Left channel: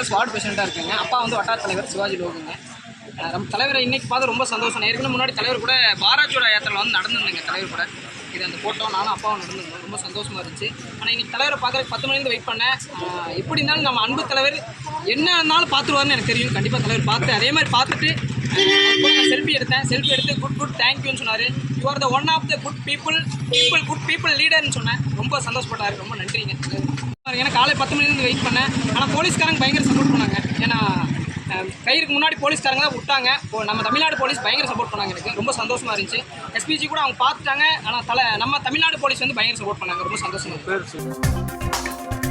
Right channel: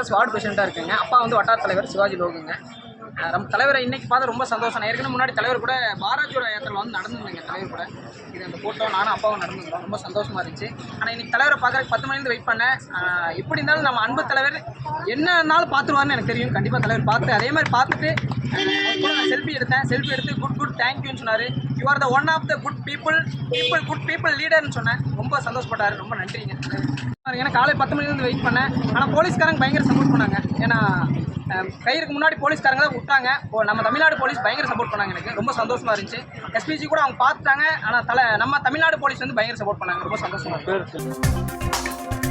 Congress ward பிரசிடெண்ட்டாக இருக்குங்க. அப்பா வந்து வட்டார தலைவர் சிவாஜி லோகுங்க. நம்ம தலைவரை இன்னைக்கு பார்த்து ரொம்ப சந்தோஷம். ஏற்கனவே முன்னாடி தலைவர் கூட பாராஜோட யாத்திரையில் வந்து நடந்துருந்தேங்க தலைவர் கூட. இது அந்த ஃபோட்டோ நானும் அப்பாவும் நடந்துருந்தோம். ரொம்ப சந்தோஷமாக இருந்துச்சு. ஆனால் இன்றைக்கி தலைவரை பார்க்குறதுக்கு 10 மணிலேருந்து வெயிட் பண்ணேன். எப்படி இருந்தாலும் நம்ம அன்பு தலைவர் என்ன இருந்தாலும் பார்த்துருவாருன்னு எனக்கு தெரியும். கண்டிப்பாக தலைவர் பார்த்து அதே மாதிரி பார்த்துட்டு செல்ஃபி எடுத்தேன். செல்ஃபி எடுத்து குட் தேங்க்யூன்னு சொன்னார். You are the one of the good people லீடர்னு சொன்னேன். ரொம்ப சந்தோஷப்பட்டார். ரொம்ப நன்றிங்க. ஏன்னா காலை 10 மணிலேருந்து வெயிட் பண்ணேன். ஆனால் போலீஸ்காரங்க பயங்கர சப்போர்ட் பண்ணாங்க. ஏன்னா கையிற்கு முன்னாடி போலீஸ்காரங்க தான் விட்டாங்க. நம்ம தமிழ்நாடு போலீஸ் பயங்கர சப்போர்ட் பண்ணாங்க. எனக்கு ரொம்ப சந்தோஷமாக இருந்துச்சு. எஸ்பிஜி கூட அவங்க பார்த்துட்டாங்க. ஆனால் நம்ம தமிழ்நாடு போலீஸ் வந்து பயங்கர சப்போர்ட் பண்ணாங்க. ரொம்ப சந்தோஷமாக இருக்குது.